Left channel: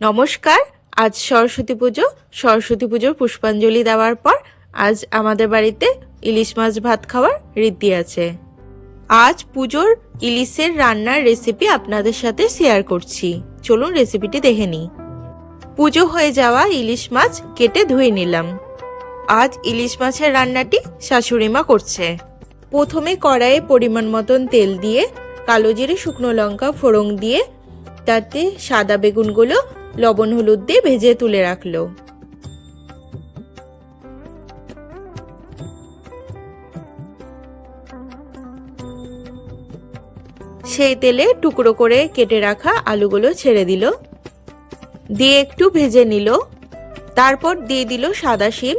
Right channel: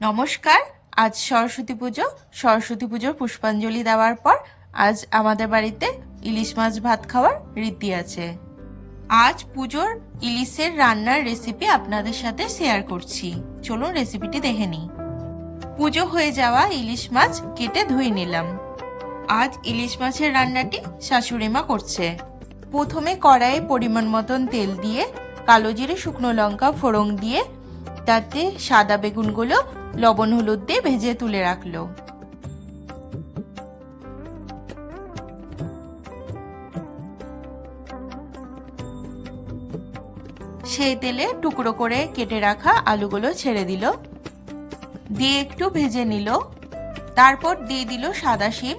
নমস্কার। আজ সরস্বতী পুজো। সরস্বতী পুজোর পুষ্পাঞ্জলি দেওয়ার পর আজ আমাদের বাড়িতে ইলিশ মাছ ভাত খাওয়ার রীতি আছে। আজ পুজোর ইলিশের রান্নার রেসিপি আপনাদের সাথে শেয়ার করছি। চলুন রেসিপিটি দেখে নিই। পুজো হয়ে যাওয়া ইলিশ মাছ কেটে ধুয়ে নিলাম। আজ ইলিশ মাছের রান্নাটি শাশুড়িমা করছে। প্রথমে কড়াইয়ে পরিমাণ মতন তেল দিয়ে কালো জিরে শুকনো লঙ্কা ফোড়ন দিয়ে তাতে সাদা বেগুনগুলো লবণ হলুদ দিয়ে ভেজে তুলে রাখলো। সেই তেলে টুকরো করে কেটে রাখা আলুগুলো ছেড়ে দিল, দিয়ে একটু ভেজে নিল। তারপর দিয়ে দিল সাদা শিম,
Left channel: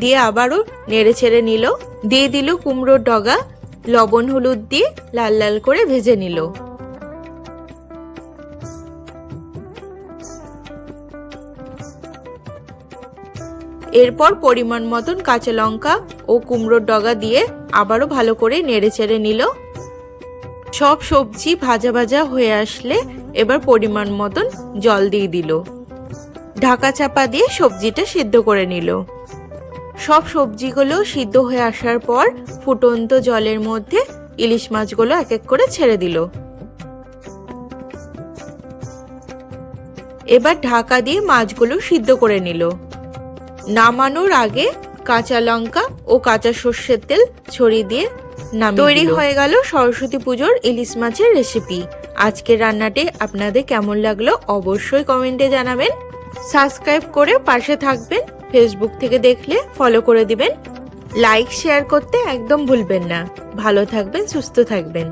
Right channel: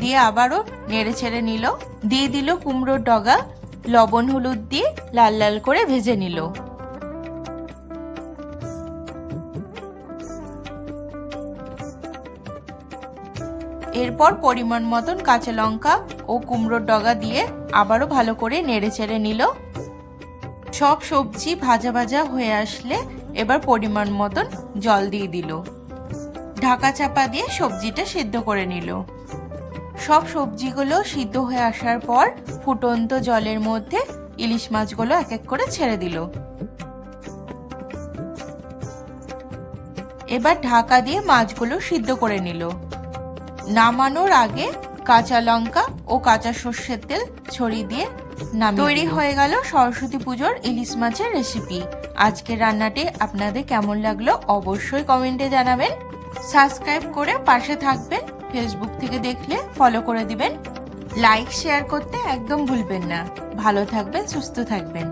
দিয়ে আবারও নেড়ে ছেড়ে নিল। দিয়ে দিল কুমড়োর ডগা, লবণ হলুদ দিয়ে লাল লাল করে ভেজে নিল। এরপর পরিমাণ মতন কাঁচা লঙ্কা ও কুমড়োর ডগা দিয়ে আবারও ভালো করে নেড়ে চেড়ে নিল। সব সবজি ভাজা ভাজা হয়ে আসলে এবার পরিমাণ মতন জল দিয়ে দিল। ঢাকা চাপা দিয়ে সবজিটা সিদ্ধ করে নিল। সব সবজিগুলো সিদ্ধ হয়ে আসার পর ফুটন্ত জলের মধ্যে ইলিশ মাছগুলো এক এক করে ছেড়ে দিল। এবার ঢাকা দিয়ে মাছগুলো সিদ্ধ করে নিল। নামানোর আগে কাঁচা লঙ্কা ও কাঁচা সর্ষের তেল ছড়িয়ে দিয়ে তৈরি হয়ে গেল সরস্বতী পুজোর ইলিশ মাছের রেসিপি। আজকের রান্নাটি আপনাদের কেমন লাগলো অবশ্যই কমেন্টে জানাবেন। সাবস্ক্রাইব করে পাশে থাকবেন। ফেসবুক থেকে দেখলে ফলো করে দিবেন। লাইক শেয়ার করতে একদম ভুলবেন না। ভালো থাকবেন, সুস্থ থাকবেন।